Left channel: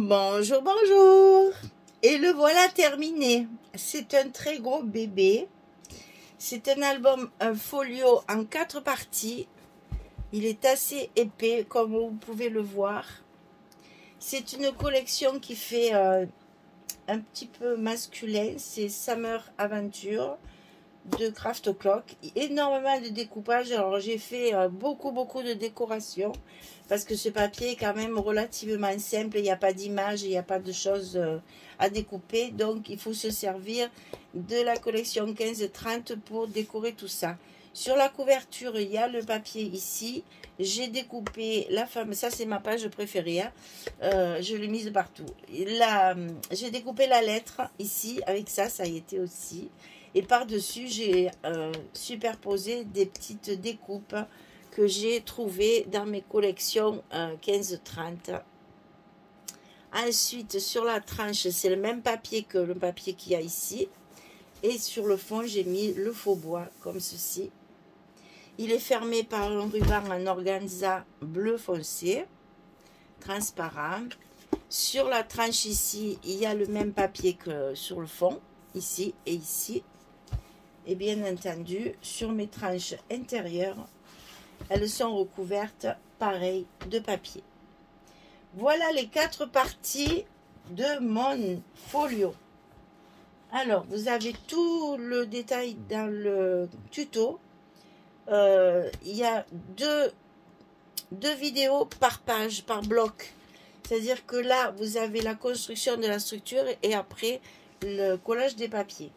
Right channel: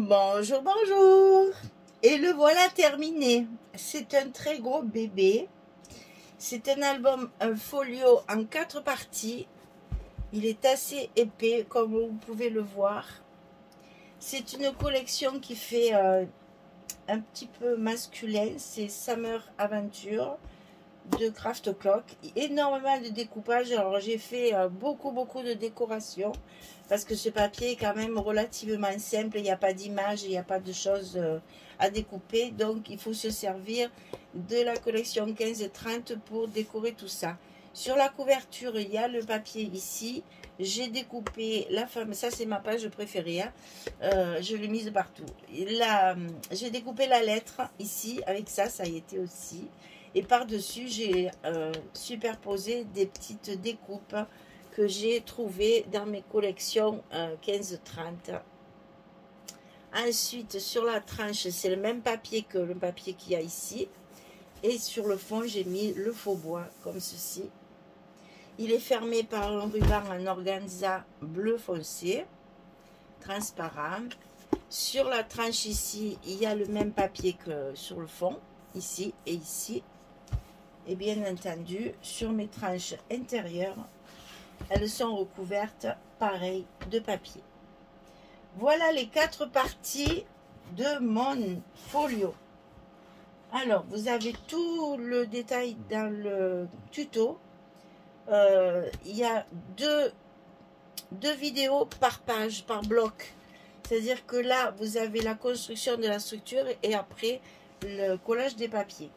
Bonjour, bonjour. Et le voilà terminé. C'est un très gros bébé. C'est un album, un folio en 4 parties. Il est assez épais, comme vous pouvez le voir. C'est une collection qui fait un petit peu masculin. C'est Summer Aventure de Craft Clock. Énormément de découpage. Alors j'ai fait beaucoup de décoration. Parce que ce papier est quand même relativement simple, il n'y a pas d'image, il n'y a pas de choses à découper. Donc, il faut se servir de la collection 15-30 pour décorer tout ça. Sur la couverture, il y a le papier ici. J'ai découpé la femme, ça c'est ma page préférée, hein. Je l'ai mise partout. J'ai découpé la lettre ici, avec ça, ça y était aussi. Et par-dessus, j'ai superposé des petites découpes que j'ai trouvé dans mes collections 15-30. Ensuite, sur la tranche, c'est le même papier que le papier qu'il y a ici. Et sur le fond, j'ai mis le faux bois, comme ceci. Il est fermé par un ruban en organza bleu foncé, transparent. Sur la tranche ici, il y a le même papier que sur le fond, ici et ici. Et bien entendu, sur mes tranches intérieures, elles sont recouvertes, pareil, de papier. Voilà les 4 parties de mon folio. Alors, vous avez tout le détail dans le tuto. Il y a deux vidéos par page, par bloc. C'est-à-dire que là, vous avez la construction de la structure et après, le collage des papiers.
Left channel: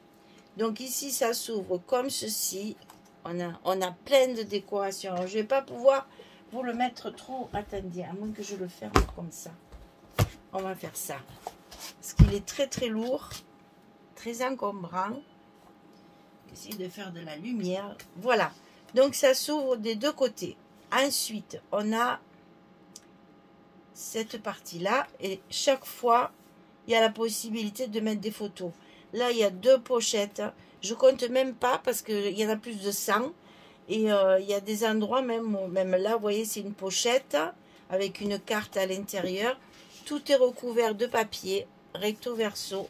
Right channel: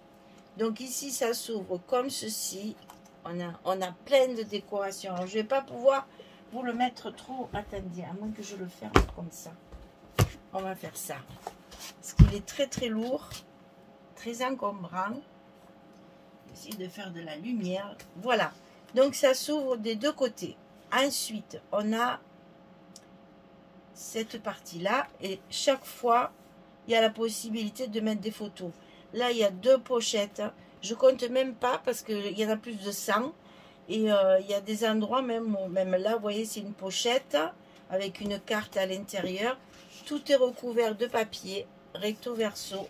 Donc ici, ça s'ouvre comme ceci. On a plein de décorations. Alors, je ne vais pas pouvoir vous le mettre trop. Attendez, à moins que je le ferme comme ça. On va faire ça. Parce qu'il est très lourd. Très encombrant. J'essaie de faire de la lumière. Voilà. Donc ça s'ouvre des deux côtés. Ensuite, on a cette partie-là. Et chaque fois, il y a la possibilité de mettre des photos. Là, il y a 2 pochettes. Je compte même pas parce qu'il y en a plus de 100. Et il y a des endroits, même là, vous voyez, c'est une pochette avec une carte à l'intérieur. Tout est recouvert de papier, recto verso.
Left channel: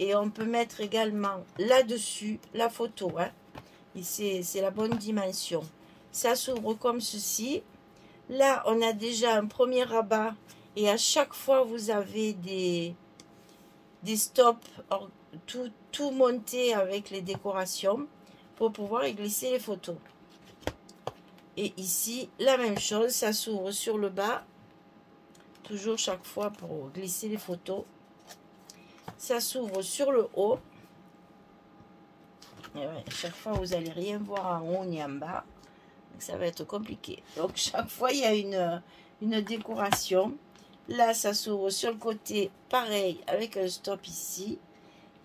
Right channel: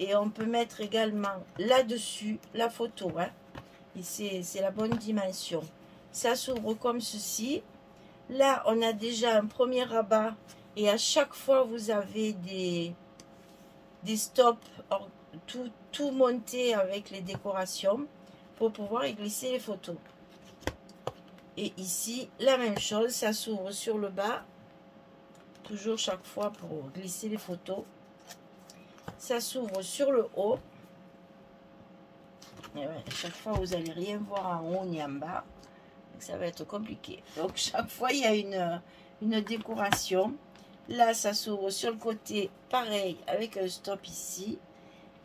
Et on peut mettre également là-dessus la photo. Hein. Et c'est la bonne dimension. Ça s'ouvre comme ceci. Là, on a déjà un premier rabat. Et à chaque fois, vous avez des stops, tout monté avec les décorations pour pouvoir y glisser les photos. Et ici, la même chose, ça s'ouvre sur le bas, toujours chaque fois pour glisser les photos. Ça s'ouvre sur le haut. Et ouais, chaque fois, vous n'allez rien voir en haut ni en bas. Donc, ça va être compliqué. Donc, chaque fois, il y a une décoration. Là, ça s'ouvre sur le côté, pareil, avec un stop ici.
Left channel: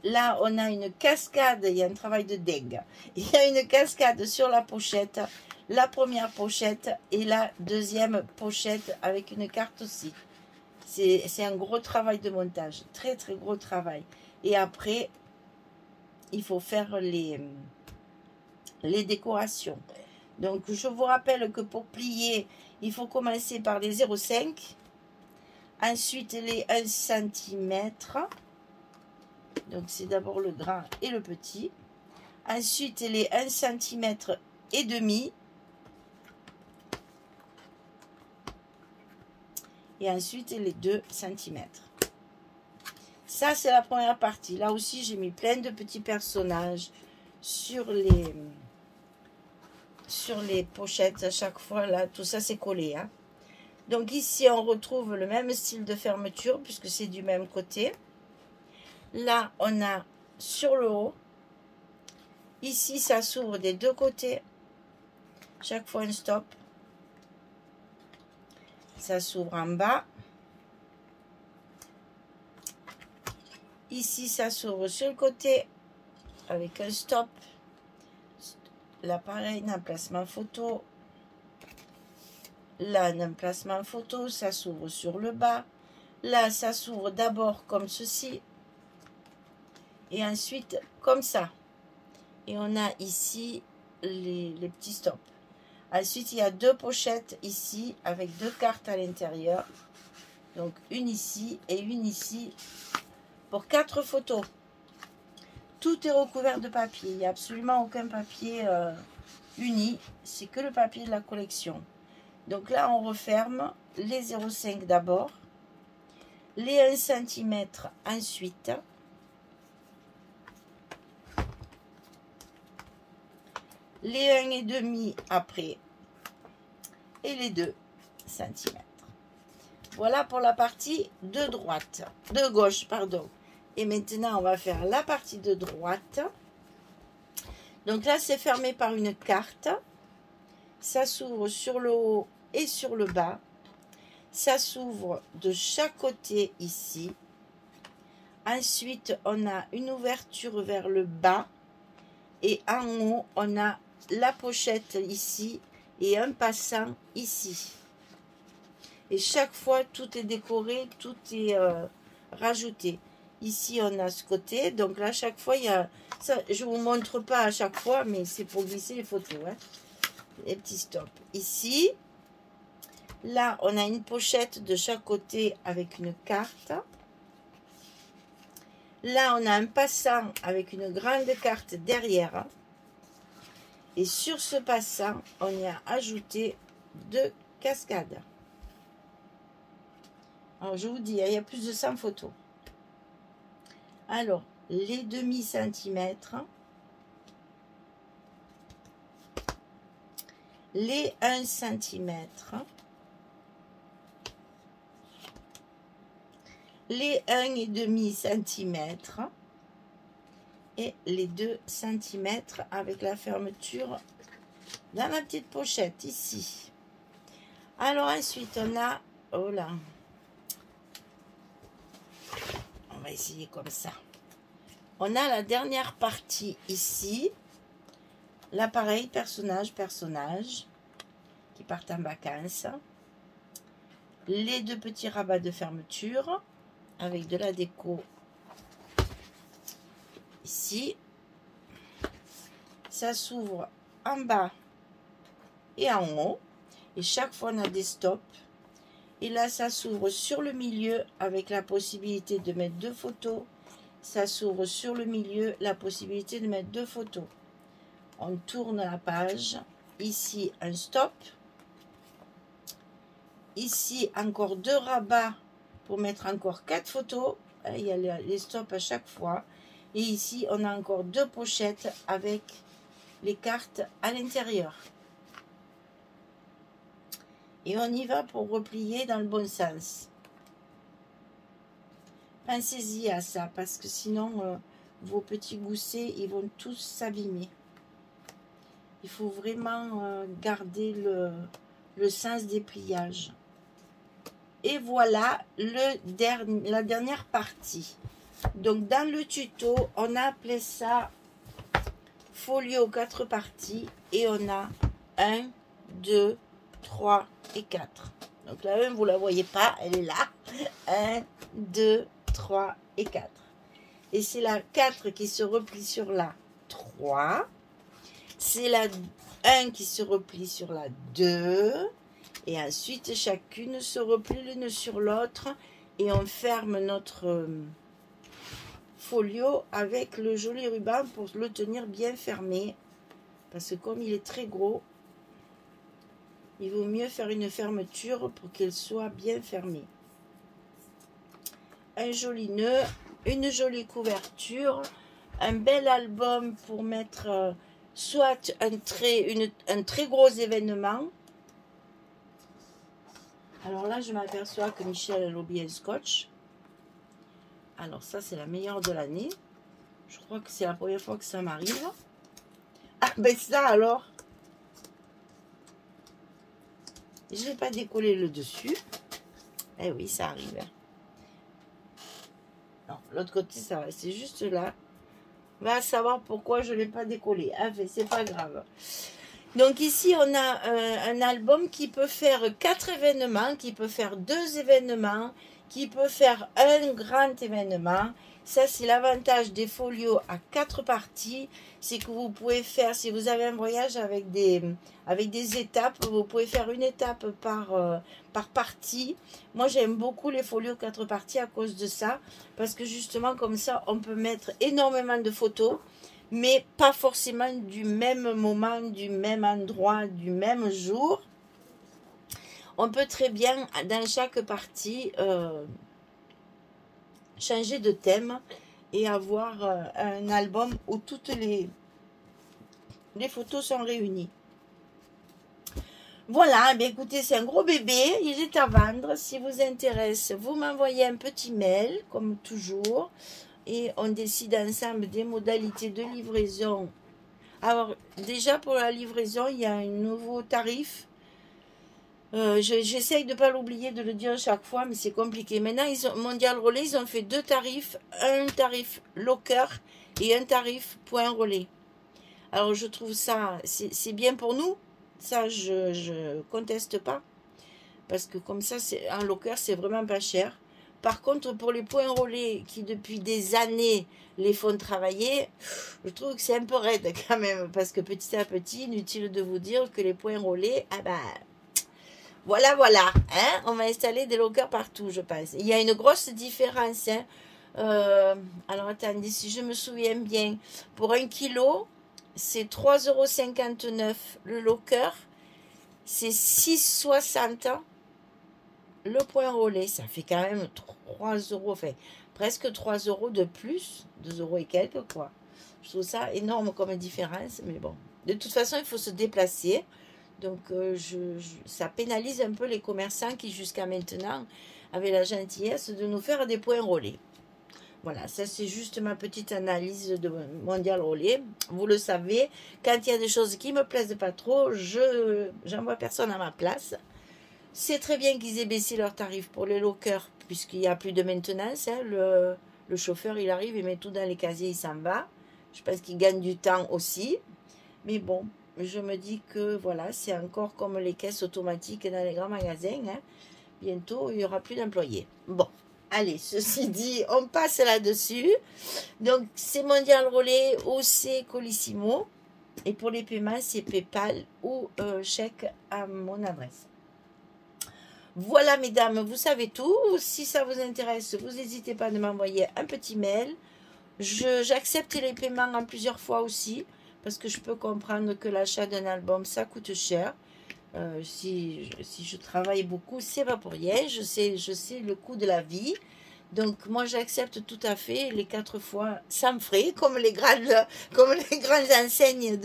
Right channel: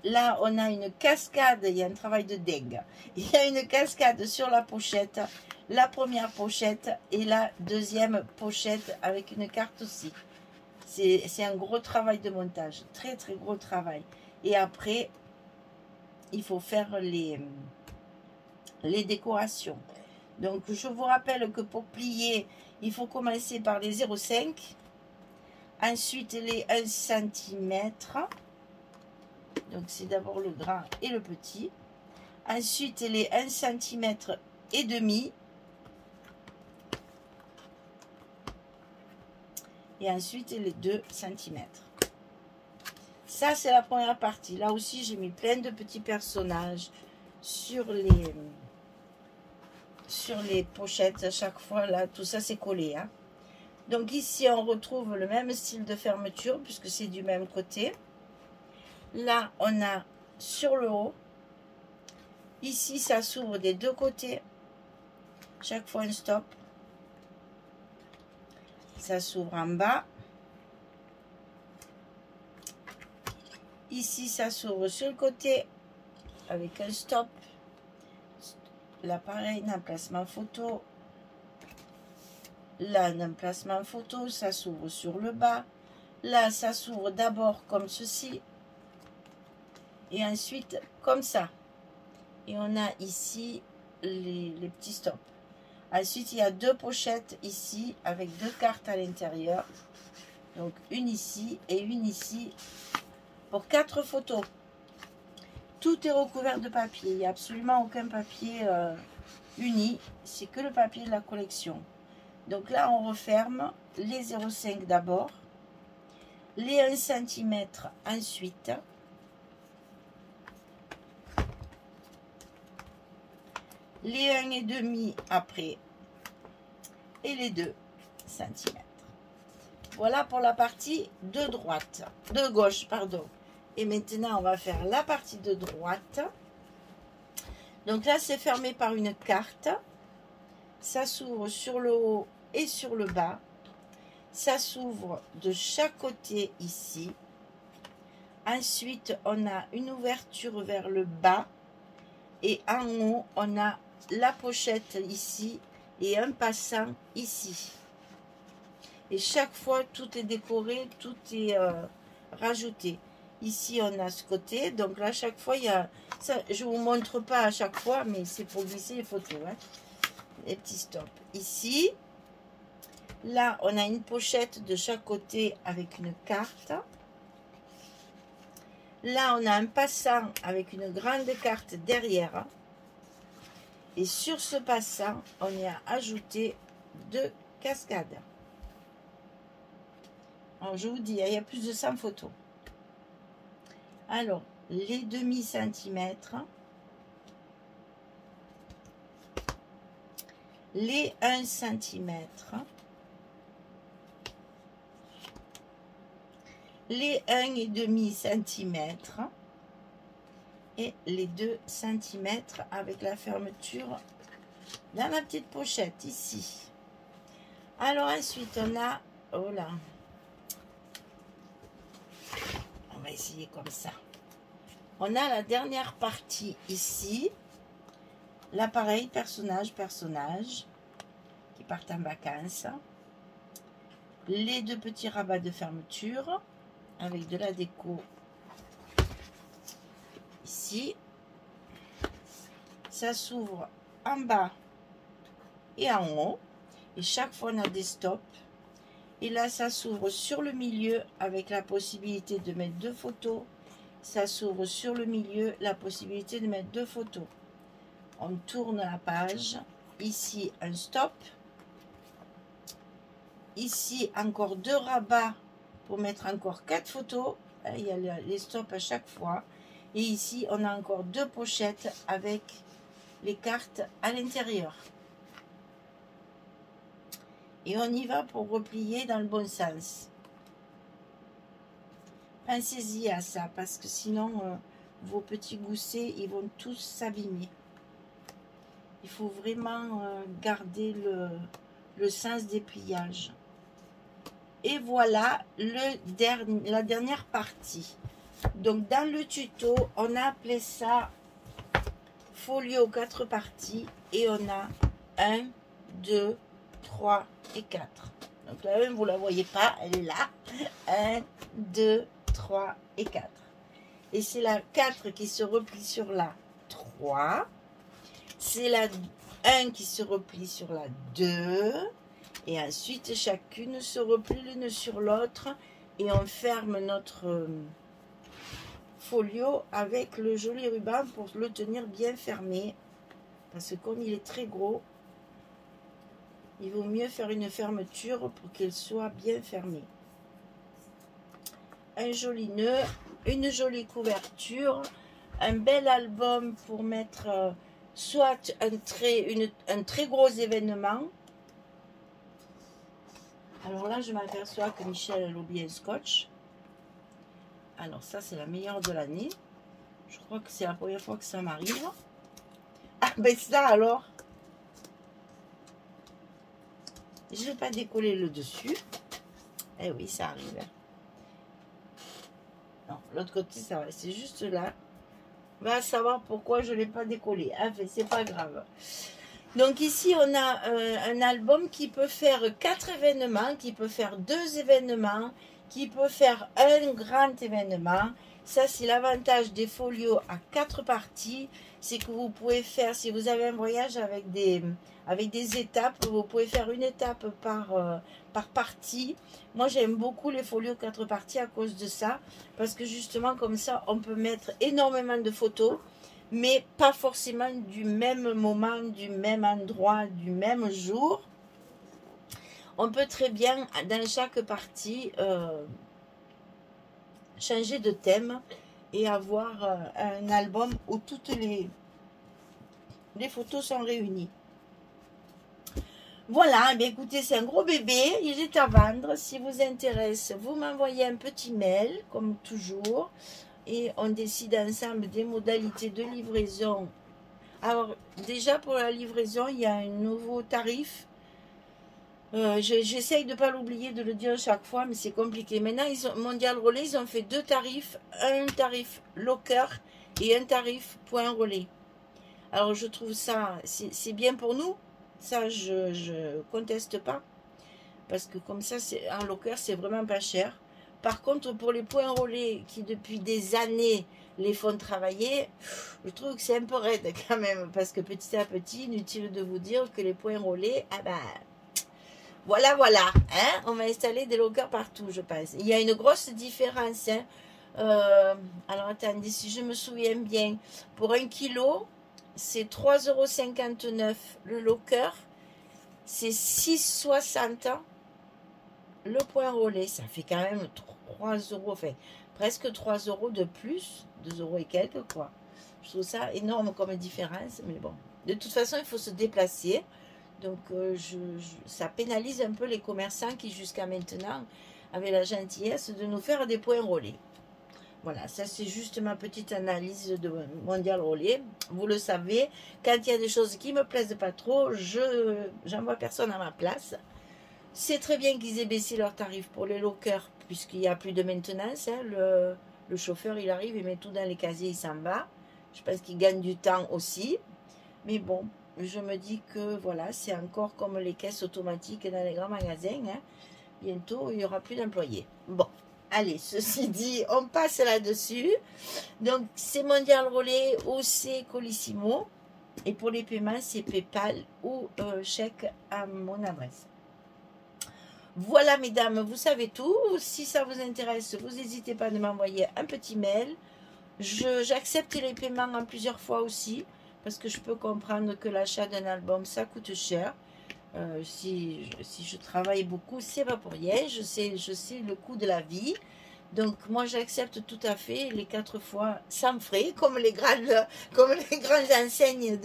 Là, on a une cascade, il y a un travail de dingue. Il y a une cascade sur la pochette, la première pochette et la deuxième pochette avec une carte aussi. C'est un gros travail de montage, très gros travail. Et après, il faut faire les décorations. Donc, je vous rappelle que pour plier, il faut commencer par les 0,5. Ensuite, les 1 cm. Donc, c'est d'abord le grand et le petit. Ensuite, les 1 cm et demi. Et ensuite, les 2 cm. Ça, c'est la première partie. Là aussi, j'ai mis plein de petits personnages sur les pochettes. À chaque fois, là, tout ça, c'est collé. Hein. Donc, ici, on retrouve le même style de fermeture puisque c'est du même côté. Là, on a sur le haut. Ici, ça s'ouvre des deux côtés. Chaque fois, un stop. Ça s'ouvre en bas. Ici, ça s'ouvre sur le côté avec un stop. Là, pareil, un emplacement photo. Là, un emplacement photo. Ça s'ouvre sur le bas. Là, ça s'ouvre d'abord comme ceci. Et ensuite, comme ça. Et on a ici les petits stops. Ensuite, il y a 2 pochettes ici avec 2 cartes à l'intérieur. Donc une ici et une ici pour 4 photos. Tout est recouvert de papier. Il n'y a absolument aucun papier uni. C'est que le papier de la collection. Donc là, on referme les 0,5 d'abord. Les 1 cm ensuite. Les 1,5 après. Et les 2 cm. Voilà pour la partie de droite. De gauche, pardon. Et maintenant, on va faire la partie de droite. Donc là, c'est fermé par une carte. Ça s'ouvre sur le haut et sur le bas. Ça s'ouvre de chaque côté ici. Ensuite, on a une ouverture vers le bas. Et en haut, on a la pochette ici et un passant ici. Et chaque fois, tout est décoré, tout est rajouté. Ici, on a ce côté. Donc là, chaque fois, il y a... Ça, je ne vous montre pas à chaque fois, mais c'est pour glisser les photos. Hein. Les petits stops. Ici, là, on a une pochette de chaque côté avec une carte. Là, on a un passant avec une grande carte derrière. Et sur ce passant, on y a ajouté 2 cascades. Alors, je vous dis, il y a plus de 100 photos. Alors, les demi-centimètres, les 1 cm, les 1,5 cm et les 2 cm avec la fermeture dans ma petite pochette ici. Alors ensuite, on a... Oh là, on va essayer comme ça. On a la dernière partie ici. L'appareil personnage qui partent en vacances. Les 2 petits rabats de fermeture avec de la déco ici. Ça s'ouvre en bas et en haut. Et chaque fois, on a des stops. Et là, ça s'ouvre sur le milieu avec la possibilité de mettre 2 photos. Ça s'ouvre sur le milieu, la possibilité de mettre 2 photos. On tourne la page. Ici, un stop. Ici, encore 2 rabats pour mettre encore 4 photos. Il y a les stops à chaque fois. Et ici, on a encore 2 pochettes avec les cartes à l'intérieur. Et on y va pour replier dans le bon sens. Pensez-y à ça, parce que sinon, vos petits goussets, ils vont tous s'abîmer. Il faut vraiment garder le sens des pliages. Et voilà la dernière partie. Donc, dans le tuto, on a appelé ça folio 4 parties. Et on a 1, 2, 3 et 4. Donc la 1, vous ne la voyez pas, elle est là. 1, 2, 3 et 4. Et c'est la 4 qui se replie sur la 3. C'est la 1 qui se replie sur la 2. Et ensuite, chacune se replie l'une sur l'autre. Et on ferme notre folio avec le joli ruban pour le tenir bien fermé. Parce que comme il est très gros, il vaut mieux faire une fermeture pour qu'elle soit bien fermée. Un joli nœud, une jolie couverture, un bel album pour mettre soit un très gros événement. Alors là, je m'aperçois que Michel a oublié un scotch. Alors ça, c'est la meilleure de l'année. Je crois que c'est la première fois que ça m'arrive. Ah ben ça alors. Je n'ai pas décollé le dessus. Eh oui, ça arrive. Non, l'autre côté, ça va. C'est juste là. On va savoir pourquoi je ne l'ai pas décollé. Ah, mais c'est pas grave. Donc ici, on a un album qui peut faire 4 événements, qui peut faire 2 événements, qui peut faire un grand événement. Ça, c'est l'avantage des folios à 4 parties. C'est que vous pouvez faire, si vous avez un voyage avec des étapes, vous pouvez faire une étape par partie. Moi, j'aime beaucoup les folios 4 parties à cause de ça. Parce que justement, comme ça, on peut mettre énormément de photos. Mais pas forcément du même moment, du même endroit, du même jour. On peut très bien, dans chaque partie, changer de thème et avoir un album où toutes les photos sont réunies. Voilà, bien écoutez, c'est un gros bébé, il est à vendre. Si vous intéresse, vous m'envoyez un petit mail, comme toujours, et on décide ensemble des modalités de livraison. Alors, déjà pour la livraison, il y a un nouveau tarif. J'essaye de ne pas l'oublier de le dire chaque fois, mais c'est compliqué. Maintenant, Mondial Relais, ils ont fait 2 tarifs. Un tarif locker et un tarif point relais. Alors, je trouve ça, c'est bien pour nous. Ça, je conteste pas. Parce que comme ça, un locker, c'est vraiment pas cher. Par contre, pour les points relais qui, depuis des années, les font travailler, je trouve que c'est un peu raide quand même. Parce que petit à petit, inutile de vous dire que les points relais, ah ben... Voilà, hein, on va installer des lockers partout, je pense. Il y a une grosse différence. Hein. Alors, attendez, si je me souviens bien, pour 1 kilo, c'est 3,59 € le locker. C'est 6,60 € le point relais. Ça fait quand même 3 €, enfin, presque 3 € de plus, 2 € et quelques, quoi. Je trouve ça énorme comme différence, mais bon. De toute façon, il faut se déplacer. Donc, ça pénalise un peu les commerçants qui, jusqu'à maintenant, avaient la gentillesse de nous faire des points relais. Voilà, ça c'est juste ma petite analyse de Mondial Relais. Vous le savez, quand il y a des choses qui ne me plaisent pas trop, j'envoie personne à ma place. C'est très bien qu'ils aient baissé leurs tarifs pour les lockers, puisqu'il n'y a plus de maintenance. Hein. Le chauffeur, il arrive, il met tout dans les casiers, il s'en va. Je pense qu'il gagne du temps aussi. Mais bon... Je me dis que voilà, c'est encore comme les caisses automatiques dans les grands magasins. Hein. Bientôt, il n'y aura plus d'employés. Bon, allez, ceci dit, on passe là-dessus. Donc, c'est Mondial Relais ou c'est Colissimo. Et pour les paiements, c'est PayPal ou chèque à mon adresse. Voilà, mesdames, vous savez tout. Si ça vous intéresse, vous n'hésitez pas de m'envoyer un petit mail. J'accepte les paiements en plusieurs fois aussi. Parce que je peux comprendre que l'achat d'un album, ça coûte cher. Si je travaille beaucoup, c'est pas pour rien. Je sais le coût de la vie. Donc, moi, j'accepte tout à fait les 4 fois sans frais, comme les grandes enseignes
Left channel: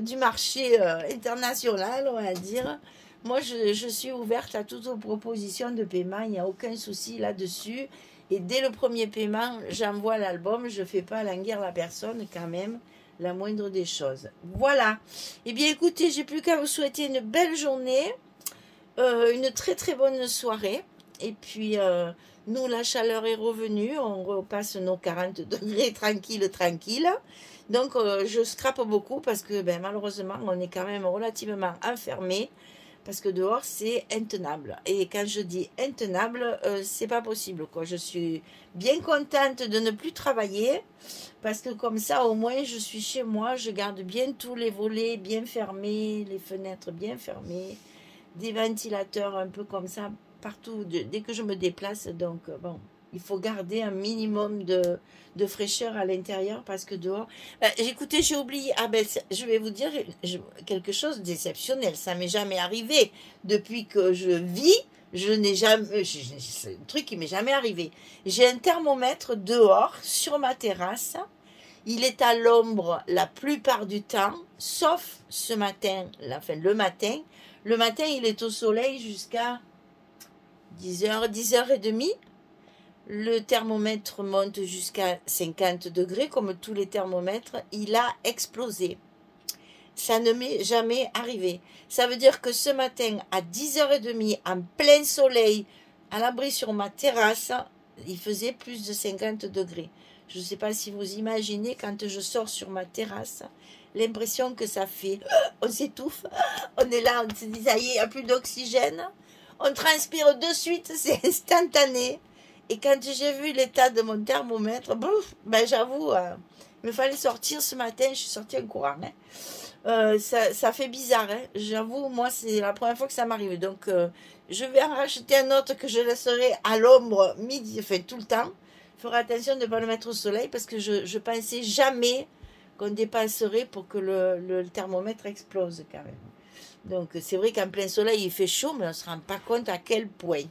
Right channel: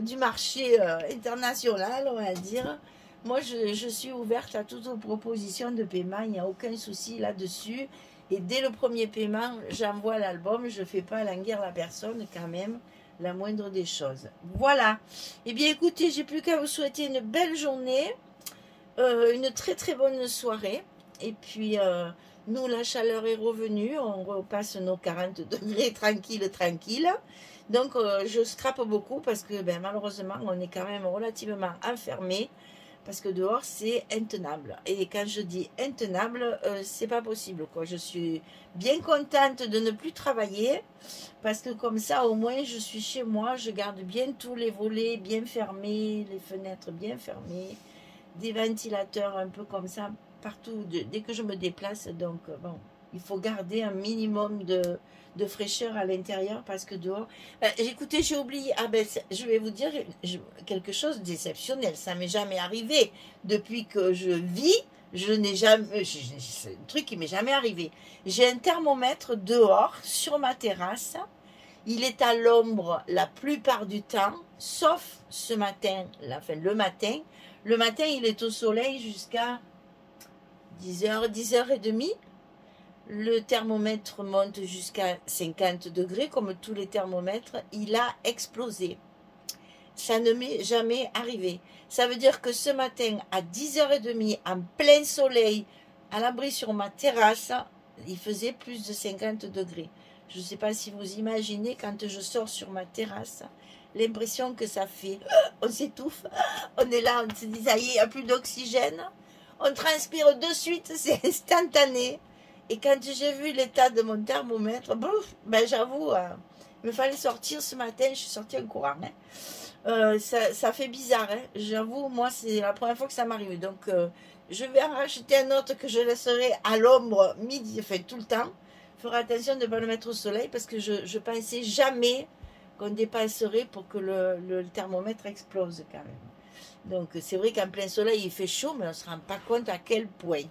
du marché international, on va dire. Moi, je suis ouverte à toutes vos propositions de paiement. Il n'y a aucun souci là-dessus. Et dès le premier paiement, j'envoie l'album. Je ne fais pas languir la personne quand même. La moindre des choses. Voilà. Eh bien, écoutez, j'ai plus qu'à vous souhaiter une belle journée, une très très bonne soirée. Et puis, nous, la chaleur est revenue. On repasse nos 40 degrés tranquille. Donc, je scrape beaucoup parce que, ben, malheureusement, on est quand même relativement enfermé. Parce que dehors, c'est intenable. Et quand je dis intenable, c'est pas possible, quoi. Je suis bien contente de ne plus travailler. Parce que comme ça, au moins, je suis chez moi. Je garde bien tous les volets bien fermés, les fenêtres bien fermées. Des ventilateurs un peu comme ça, partout, dès que je me déplace. Donc, bon, il faut garder un minimum de fraîcheur à l'intérieur parce que dehors... écoutez, j'ai oublié... Ah ben, je vais vous dire quelque chose d'exceptionnel. Ça m'est jamais arrivé. Depuis que je vis, je n'ai jamais... C'est un truc qui m'est jamais arrivé. J'ai un thermomètre dehors, sur ma terrasse. Il est à l'ombre la plupart du temps, sauf ce matin, le matin. Le matin, il est au soleil jusqu'à 10h, 10h30. Le thermomètre monte jusqu'à 50 degrés, comme tous les thermomètres. Il a explosé. Ça ne m'est jamais arrivé. Ça veut dire que ce matin, à 10h30, en plein soleil, à l'abri sur ma terrasse, il faisait plus de 50 degrés. Je ne sais pas si vous imaginez, quand je sors sur ma terrasse, l'impression que ça fait. On s'étouffe. On est là, on se dit, ça y est, il n'y a plus d'oxygène. On transpire de suite, c'est instantané. Et quand j'ai vu l'état de mon thermomètre, ben j'avoue, il me fallait sortir ce matin, je suis sortie en courant. Hein. Ça fait bizarre, hein. J'avoue, moi c'est la première fois que ça m'arrive. Donc je vais en racheter un autre que je laisserai à l'ombre midi, enfin tout le temps. Il faudra attention de ne pas le mettre au soleil parce que je pensais jamais qu'on dépasserait pour que le thermomètre explose quand même. Donc c'est vrai qu'en plein soleil il fait chaud, mais on ne se rend pas compte à quel point.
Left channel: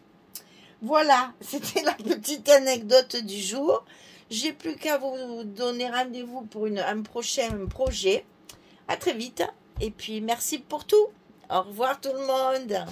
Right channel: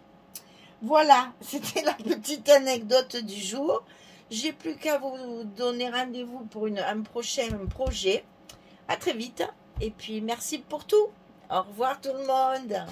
Voilà, c'était la petite anecdote du jour. J'ai plus qu'à vous donner rendez-vous pour un prochain projet. À très vite. Et puis merci pour tout. Au revoir tout le monde.